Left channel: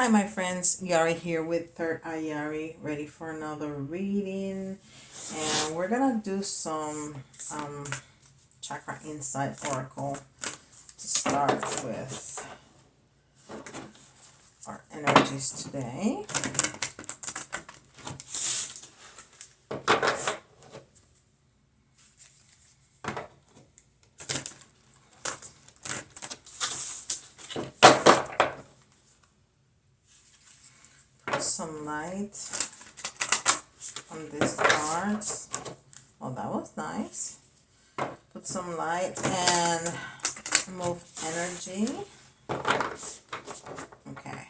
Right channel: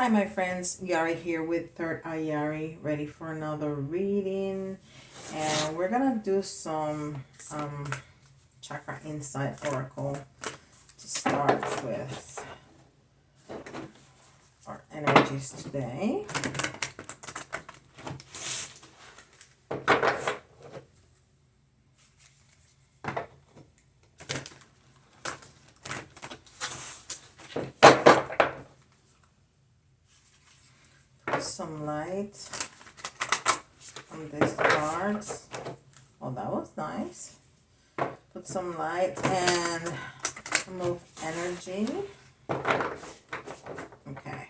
Hi, my friends. Yari here with Third Eye Yari, ready for another reading. And we're gonna do some chakra insight oracle to start with our energies today. Put some light on these cards. Oh, that was nice. Put some light and move energy. Okay.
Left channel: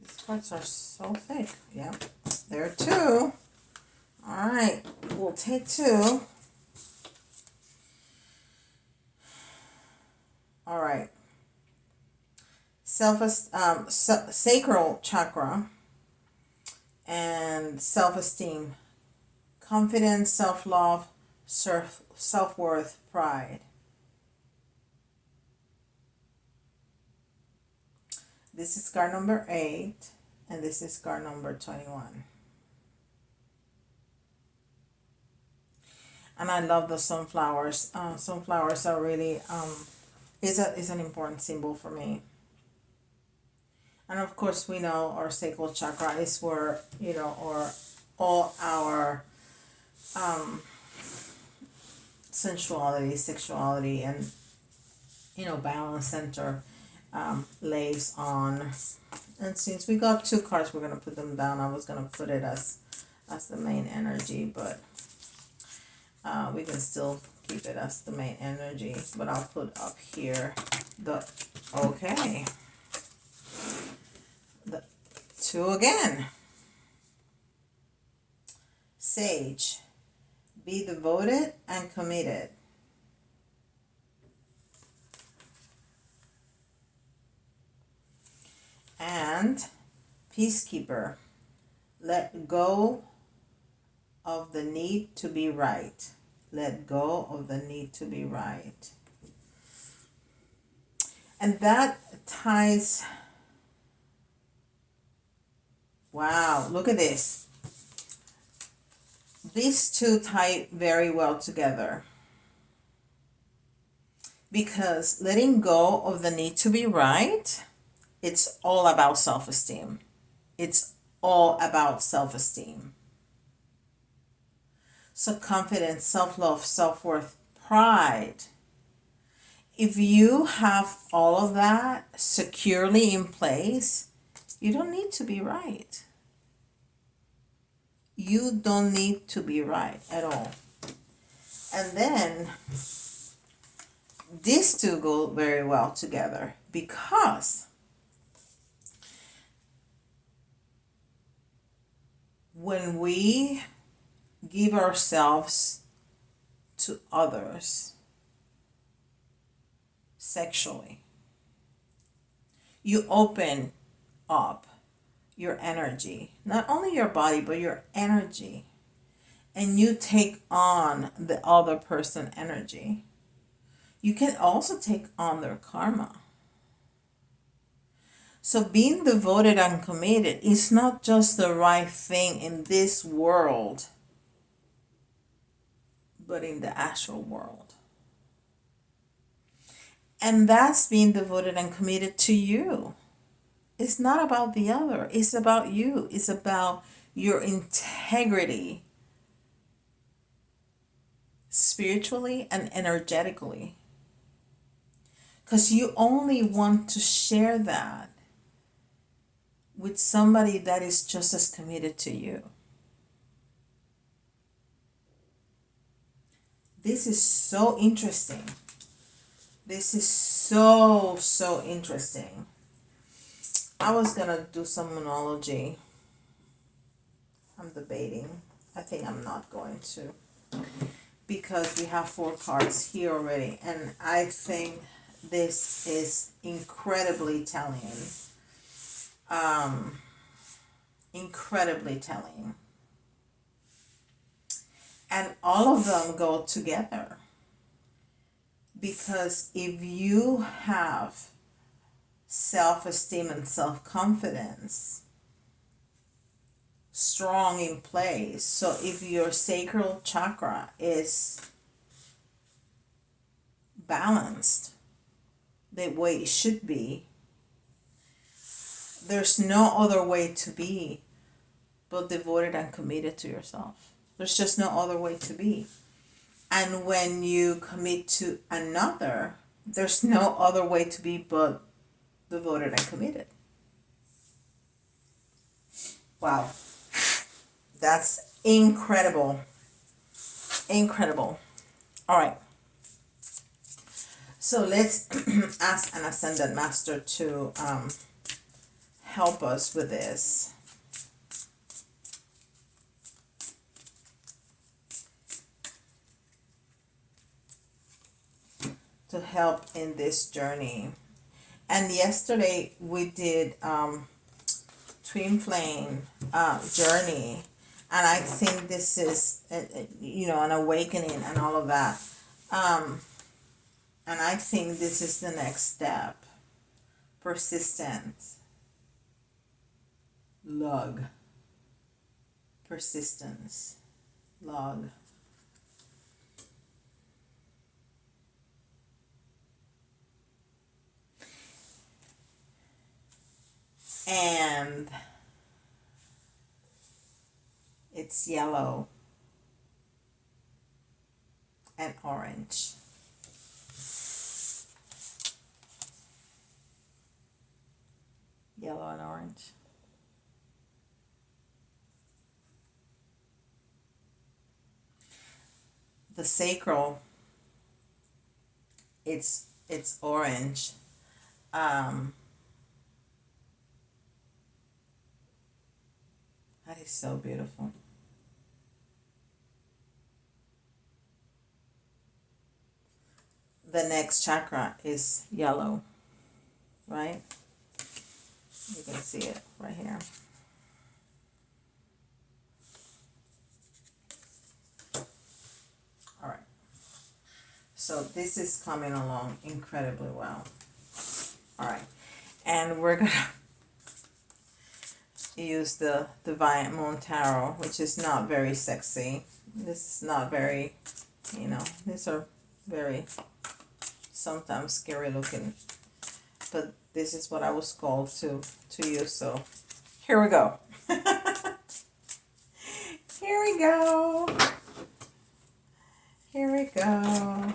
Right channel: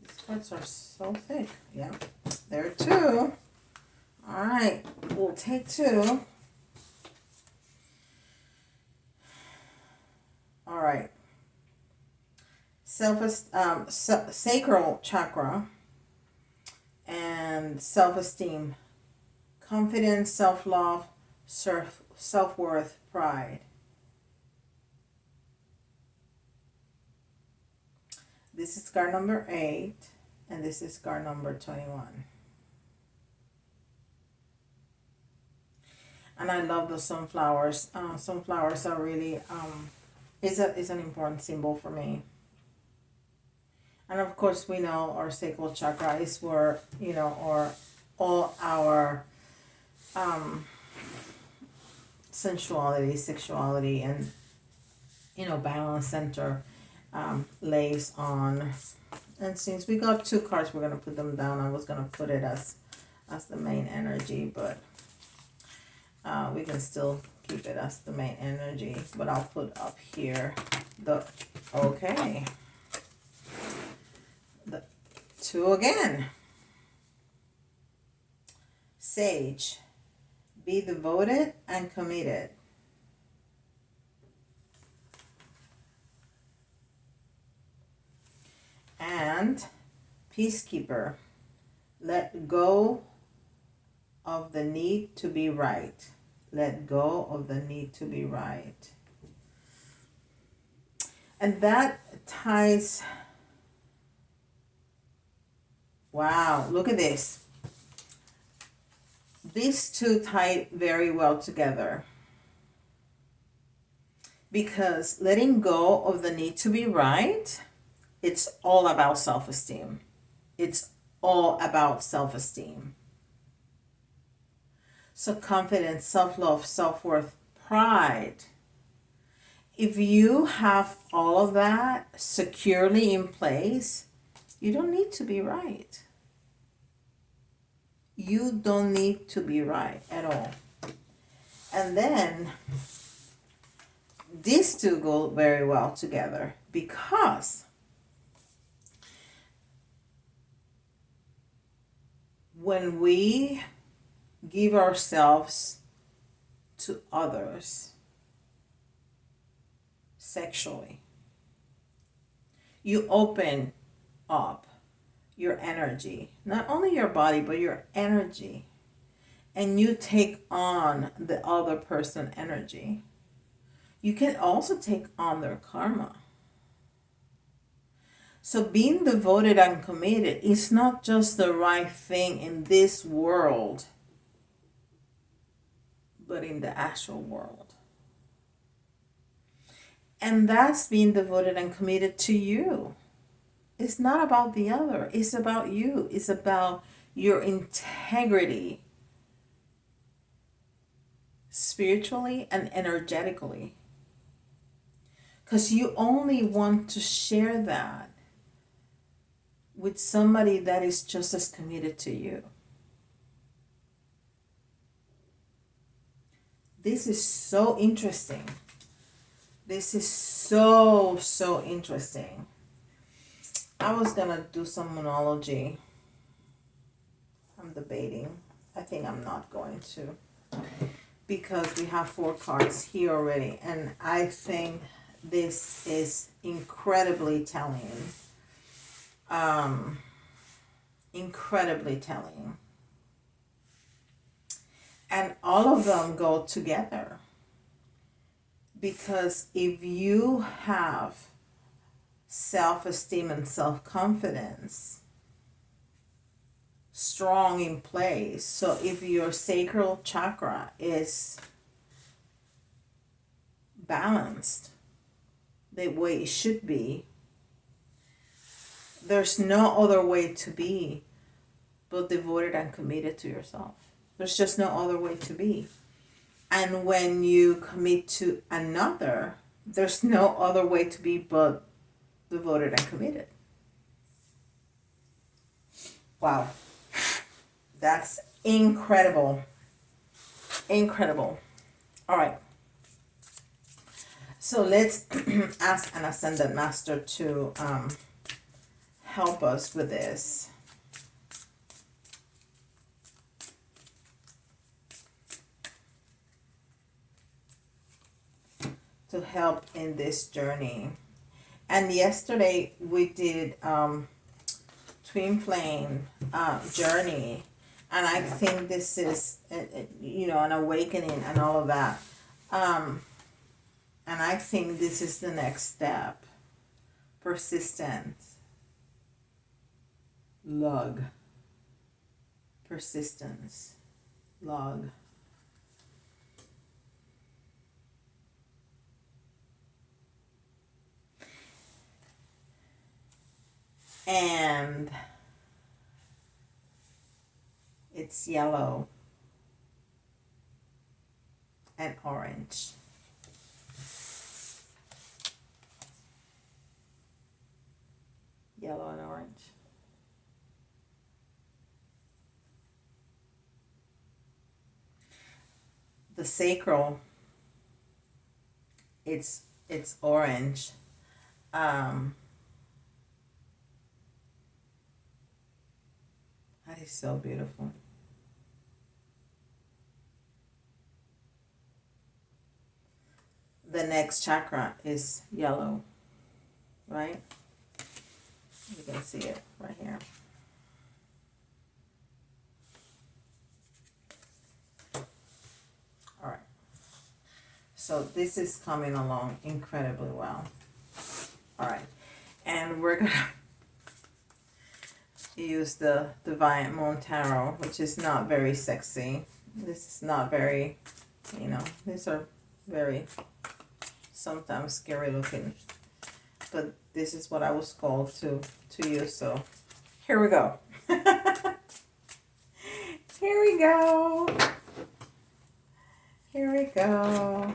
These cards are so thick. Yeah, there are two. All right, we'll take two. All right. Sacral chakra and self-esteem, confidence, self-love, self-worth, pride. This is card number 8, and this is card number 21. And I love the sunflowers. Sunflowers are really is an important symbol for me. And of course, we know our sacral chakra is where or all our sensuality, sexuality, and balance center lays on. And since we got two cards, we're gonna put them down. I was gonna put it as the main energy, but we can still keep it as the main energy. But I'll put up here the two again. Sage, be devoted and committed. And peacekeeper, let go of the need to be right. Let go of the need to be right. And that ties. Wow, look at this. These two tie very well together. Because letting go of the need to be right, it's all about self-esteem. It's all about self-esteem. So confidence, self-love, self-worth, pride. If you have all of that securely in place, you don't need to be right. You don't need to be right at all. And then these two go very well together because when we give ourselves to others sexually, you open up your energy, not only your body, but your energy, and you take on the other person's energy. You can also take on their karma. So being devoted and committed is not just the right thing in this world, but in the actual world. And that's being devoted and committed to you. It's not about the other. It's about you. It's about your integrity, spiritually and energetically. Because you only want to share that with somebody that is just as committed to you. This is so interesting. This is so interesting. I was gonna do some monology. I'm debating. I think I'm not going to. Because we have 4 cards here already. And I think this is incredibly telling. Incredibly telling. And all of them go together. Because if you have self-esteem and self-confidence strong in place, so if your sacral chakra is balanced the way it should be, there's no other way to be but devoted and committed to yourself. There's just no other way to be. And when you commit to another, there's no other way to be but devoted and committed. Wow. That's incredible. Incredible. All right. So let's ask an Ascended Master to help us with this. To help in this journey. And yesterday we did Twin Flame journey, and I think this is an awakening and all of that. And I think this is the next step. Persistence. Log. Persistence. Log. And it's yellow and orange. Yellow and orange. The sacral, it's orange. That is so beautiful. The next chakra is yellow, right? You can see it right here. All right. So this is coming along incredibly well. All right. And we're going to use the Defiant Moon Tarot, which is not very sexy. This is not very, these are very sometimes scary looking. But this is what I was called to use. So here we go. Here we go. Here we go.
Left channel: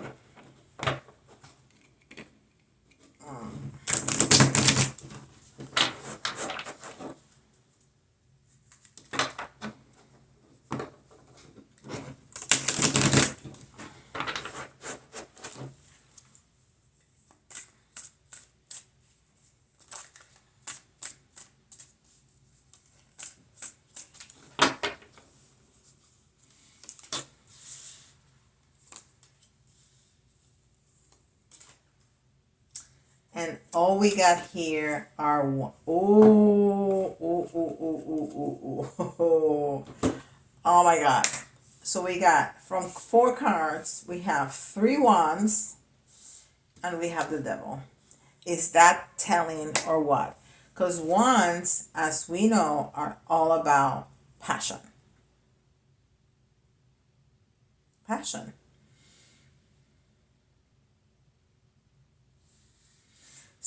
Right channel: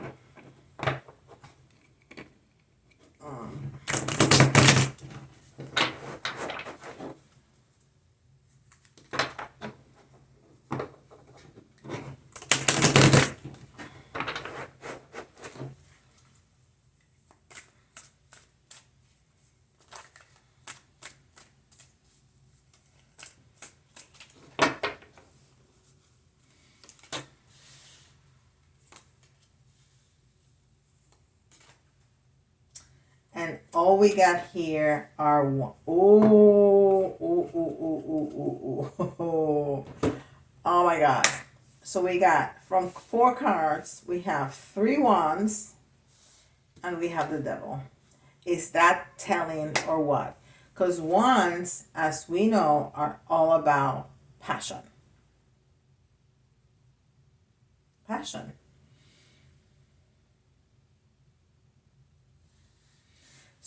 And all we got here are oh my God. So we got from 4 cards, we have 3 wands and we have the devil. Is that telling or what? Because wands, as we know, are all about passion. Passion.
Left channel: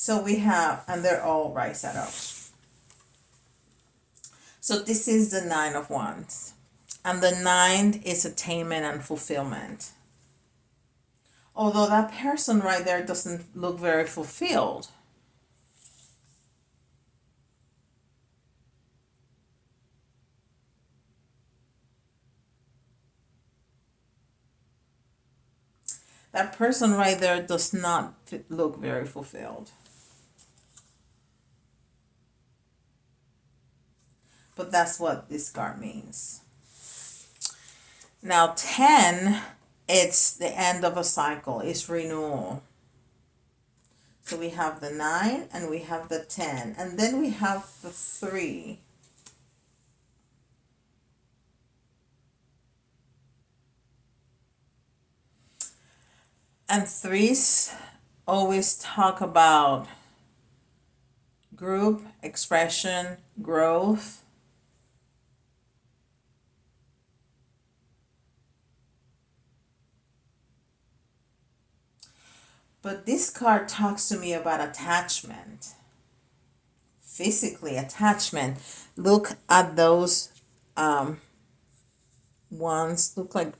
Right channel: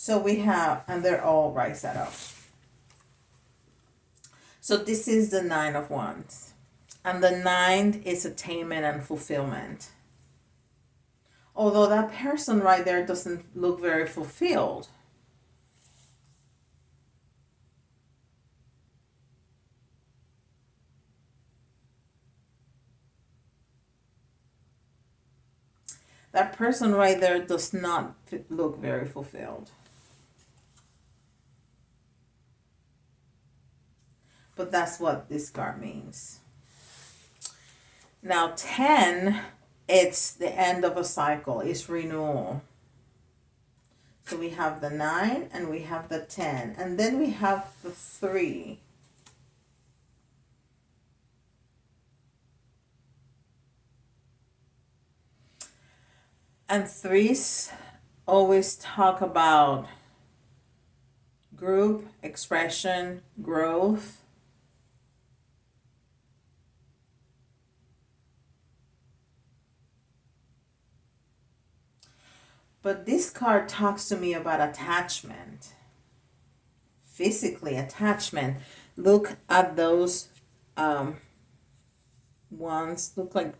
So we have, and they're all right side up. So this is the 9 of Wands. And the 9 is attainment and fulfillment. Although that person right there doesn't look very fulfilled. That person right there does not look very fulfilled. But that's what this card means. Now 10, it's the end of a cycle. It's renewal. So we have the 9 and we have the 10. And then we have the 3. And threes always talk about group, expression, growth. But this card talks to me about attachment, physically attachment. Look at those ones, look like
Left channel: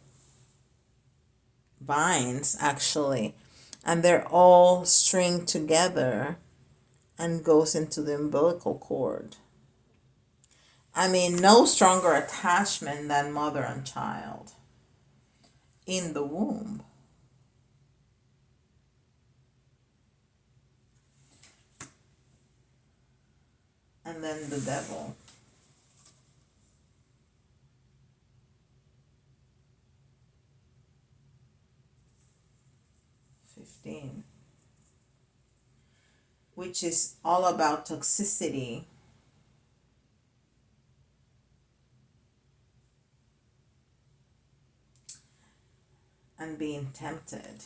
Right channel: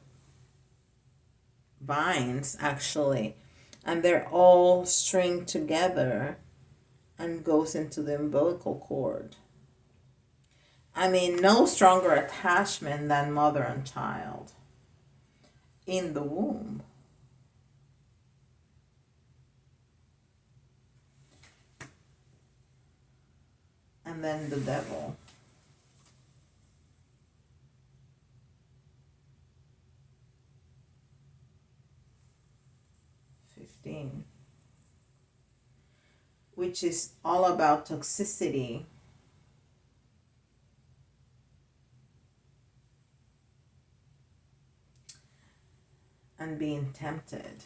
vines actually, and they're all stringed together and goes into the umbilical cord. I mean, no stronger attachment than mother and child in the womb. And then the devil. Which is all about toxicity. And being tempted.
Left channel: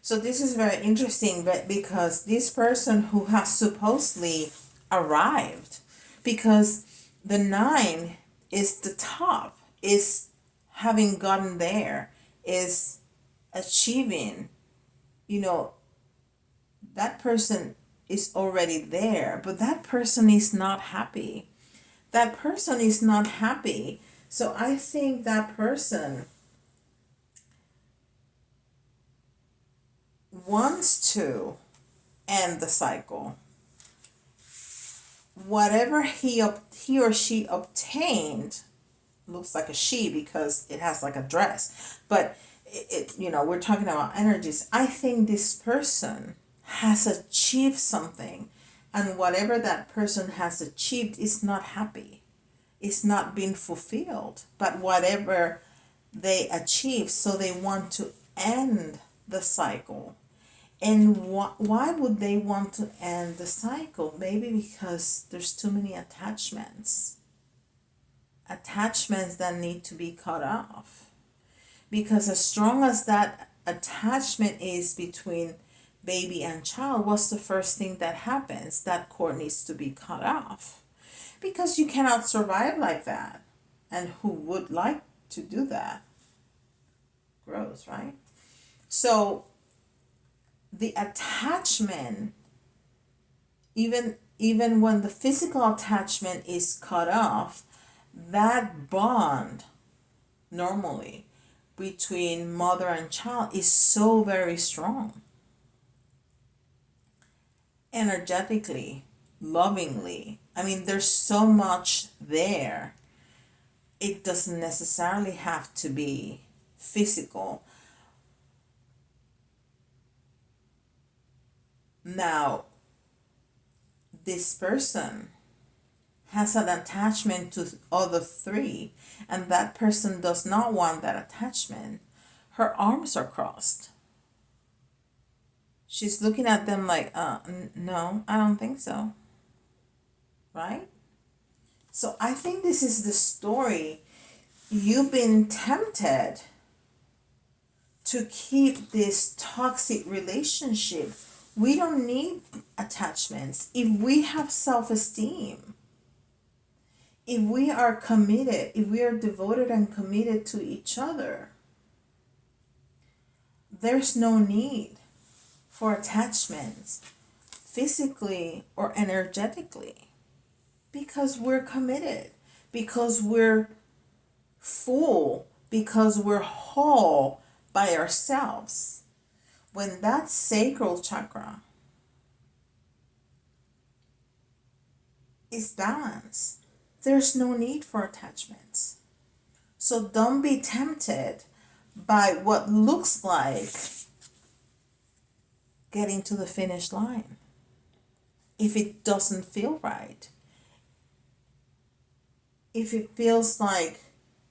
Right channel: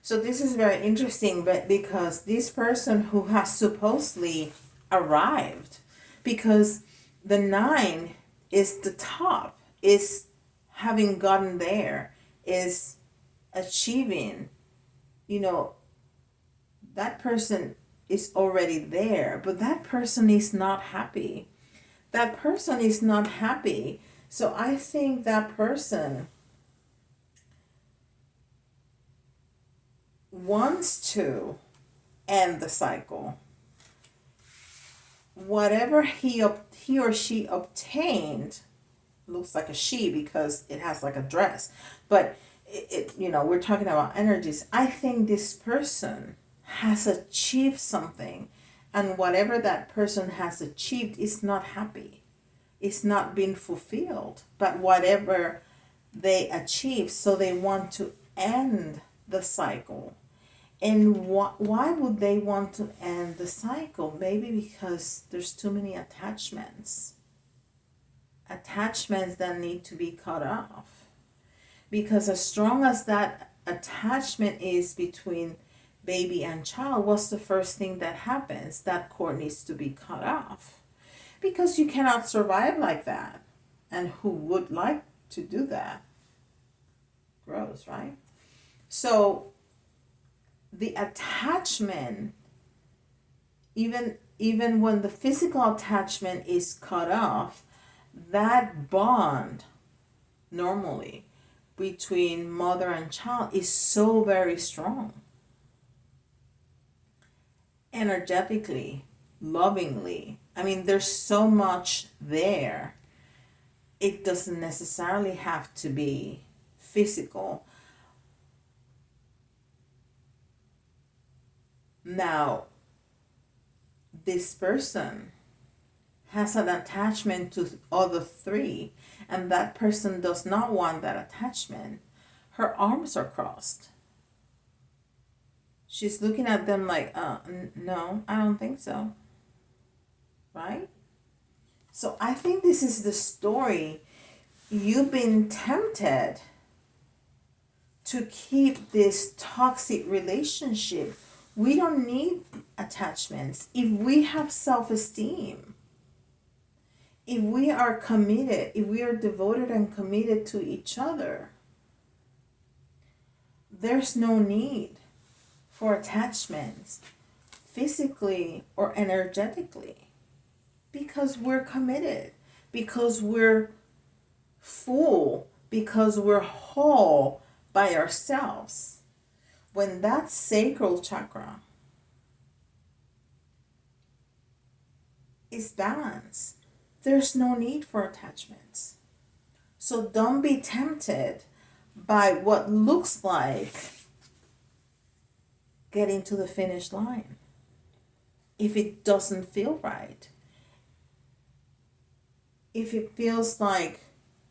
So this is very interesting, but because this person who has supposedly arrived, because the nine is the top, is having gotten there, is achieving, you know, that person is already there, but that person is not happy. That person is not happy. So I think that person wants to end the cycle. Whatever he or she obtained, looks like a she because it has like a dress, but we're talking about energies. I think this person has achieved something, and whatever that person has achieved is not happy. It's not being fulfilled. But whatever they achieve, so they want to end the cycle. And why would they want to end the cycle? Maybe because there's too many attachments. Attachments that need to be cut off. Because as strong as that attachment is between baby and child, what's the first thing that happens? That cord needs to be cut off. Because you cannot survive like that. And who would like to do that? Gross, right? So the attachment, even when the physical attachment is cut off, that bond normally between mother and child is so very strong, energetically, lovingly. I mean, there's so much there. It doesn't necessarily have to be physical. Now, this person has an attachment to other three, and that person does not want that attachment. Her arms are crossed. She's looking at them like, no, I don't think so. Right? So I think this is the story. You've been tempted to keep this toxic relationship. We don't need attachments. If we have self esteem, if we are committed, if we are devoted and committed to each other, there's no need for attachments, physically or energetically, because we're committed, because we're full, because we're whole by ourselves. When that sacral chakra is balanced, there's no need for attachments. So don't be tempted by what looks like getting to the finish line if it doesn't feel right. If it feels like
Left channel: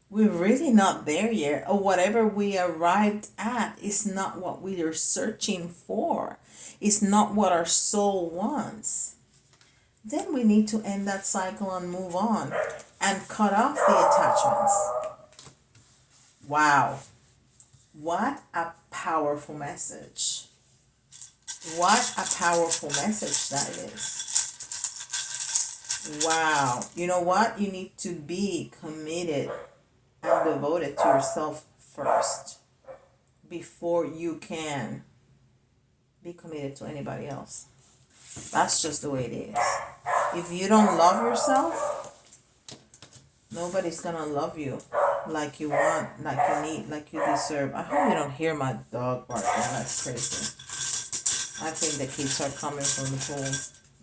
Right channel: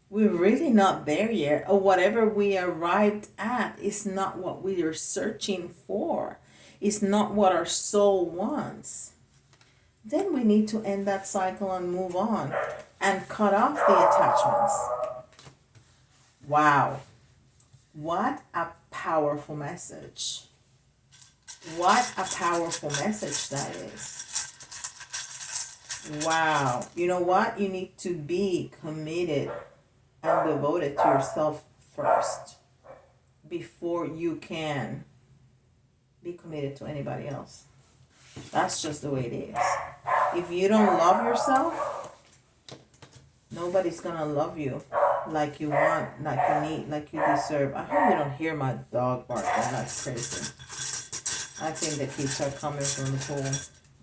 We're really not there yet, or whatever we arrived at is not what we are searching for. It's not what our soul wants. Then we need to end that cycle and move on and cut off the attachments. Wow. What a powerful message. What a powerful message that is. Wow. You know what? You need to be committed and devoted to yourself first before you can be committed to anybody else. That's just the way it is. If you don't love yourself, nobody's gonna love you like you want, like you need, like you deserve. I hope you don't hear my dog barking. That's crazy. I think the kids are coming from the pool,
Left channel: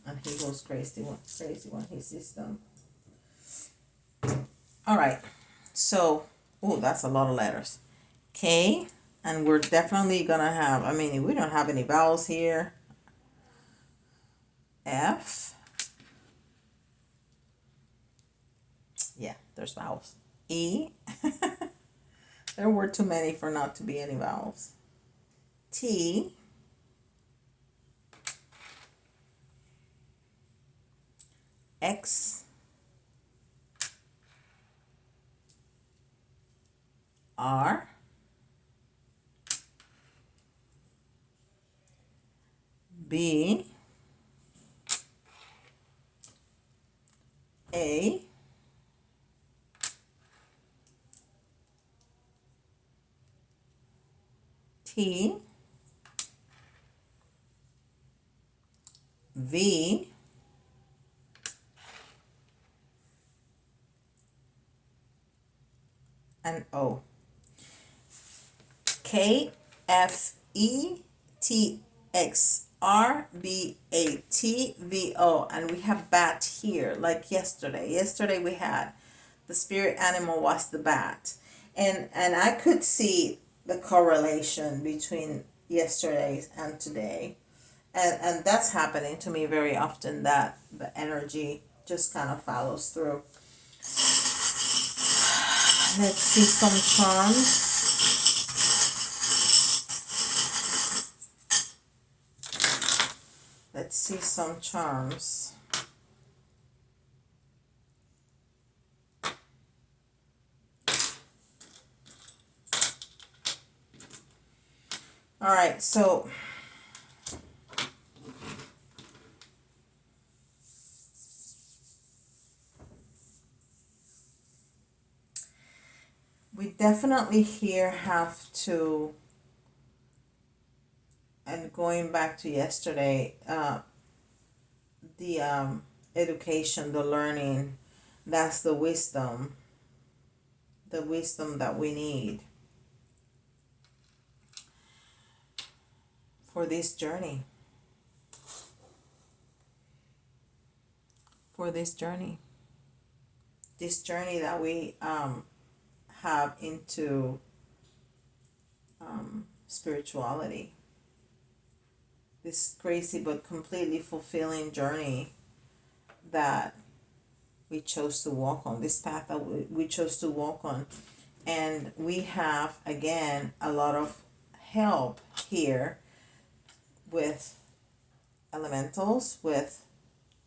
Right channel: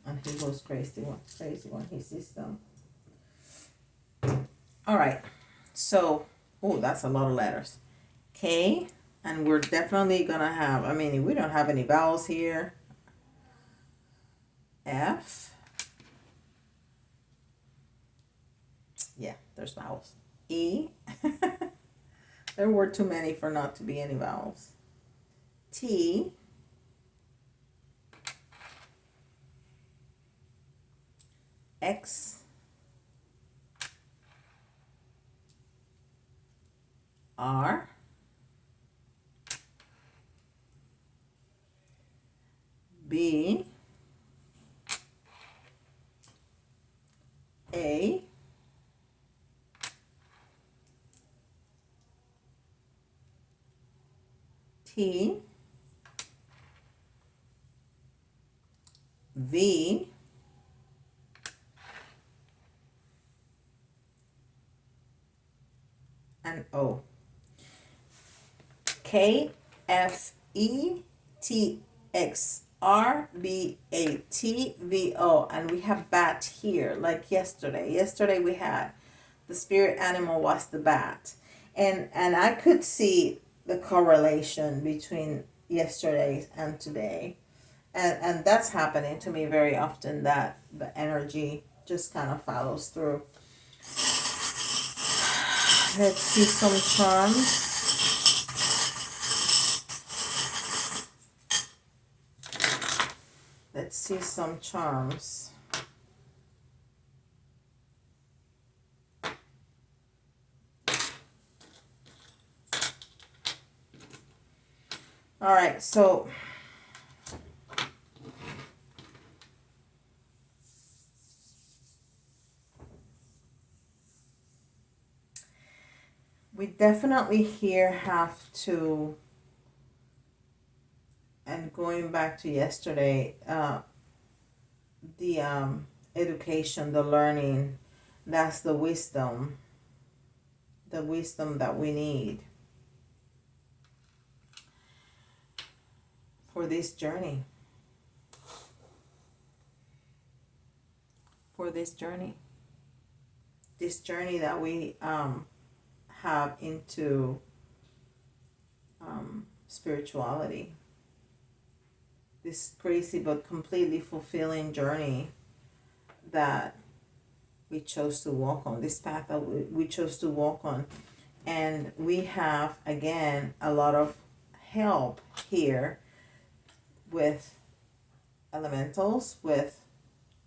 and he goes crazy when he sees them. All right. So, oh, that's a lot of letters. K, and we're definitely gonna have. I mean, we don't have any vowels here. F. Yeah, there's vowels. E. There were too many for not to be any vowels. T. X. R. B. A. T. V. And O. K. F. E. T. X. R. B. A. T. V. O. And we have bat here, like yesterday. Yesterday we had the spirit animal was the bat. And I could see the correlation between yesterday and today. And that's happening to me very often, that the energy just kind of follows through. Let's see some charms. Let's see some charms. All right, so we definitely here have to, and going back to yesterday, the education, the learning, that's the wisdom that we need for this journey. This journey that we have into spirituality. This crazy but completely fulfilling journey that we chose to walk on, this path that we chose to walk on. And we have, again, a lot of help here with elementals,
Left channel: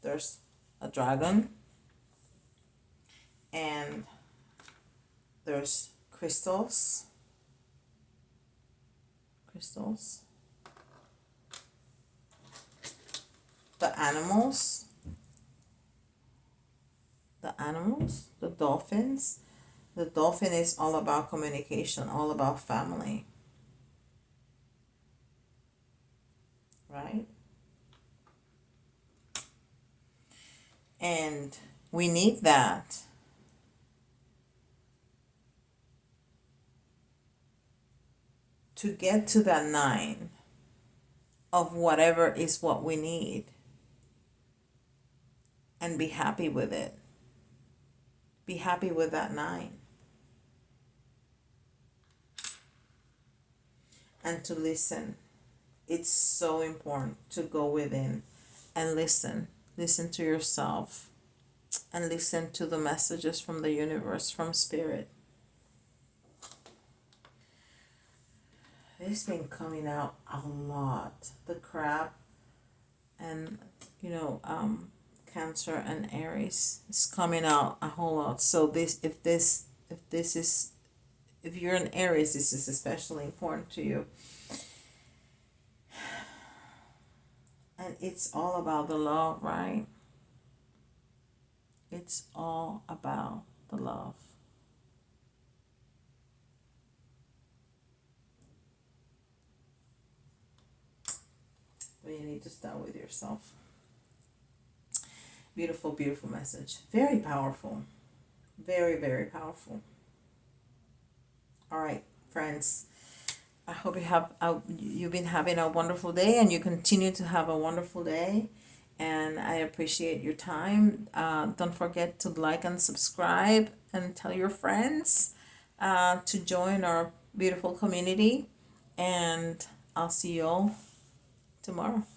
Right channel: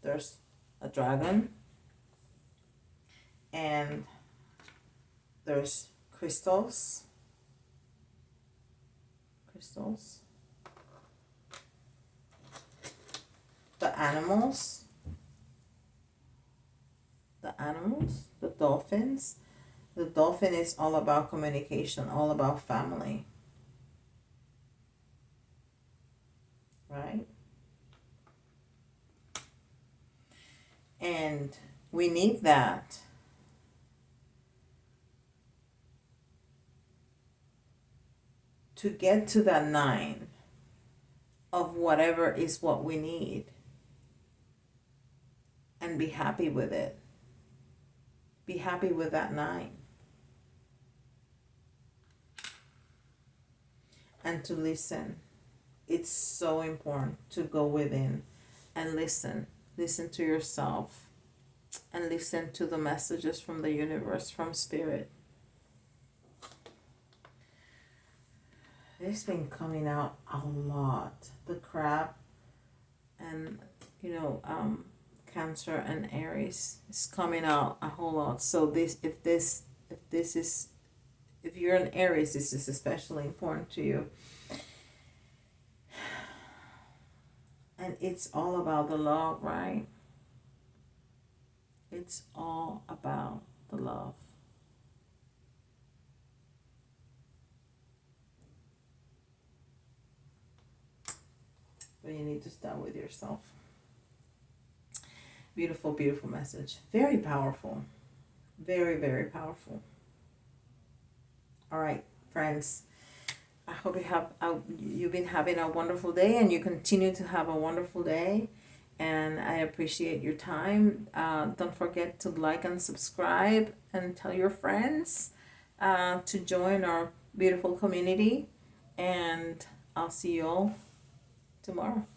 there's a dragon, and there's crystals, the animals, the dolphins. The dolphin is all about communication, all about family, right? And we need that. To get to that 9 of whatever is what we need and be happy with it. Be happy with that 9. And to listen. It's so important to go within and listen. Listen to yourself and listen to the messages from the universe, from spirit. This been coming out a lot. The crab and Cancer and Aries is coming out a whole lot. So if you're an Aries, this is especially important to you. And it's all about the love, right? It's all about the love. But you need to start with yourself. Beautiful, beautiful message. Very powerful. Very, very powerful. All right, friends. I hope you've been having a wonderful day, and you continue to have a wonderful day. And I appreciate your time. Don't forget to like and subscribe, and tell your friends to join our beautiful community. And I'll see you all tomorrow.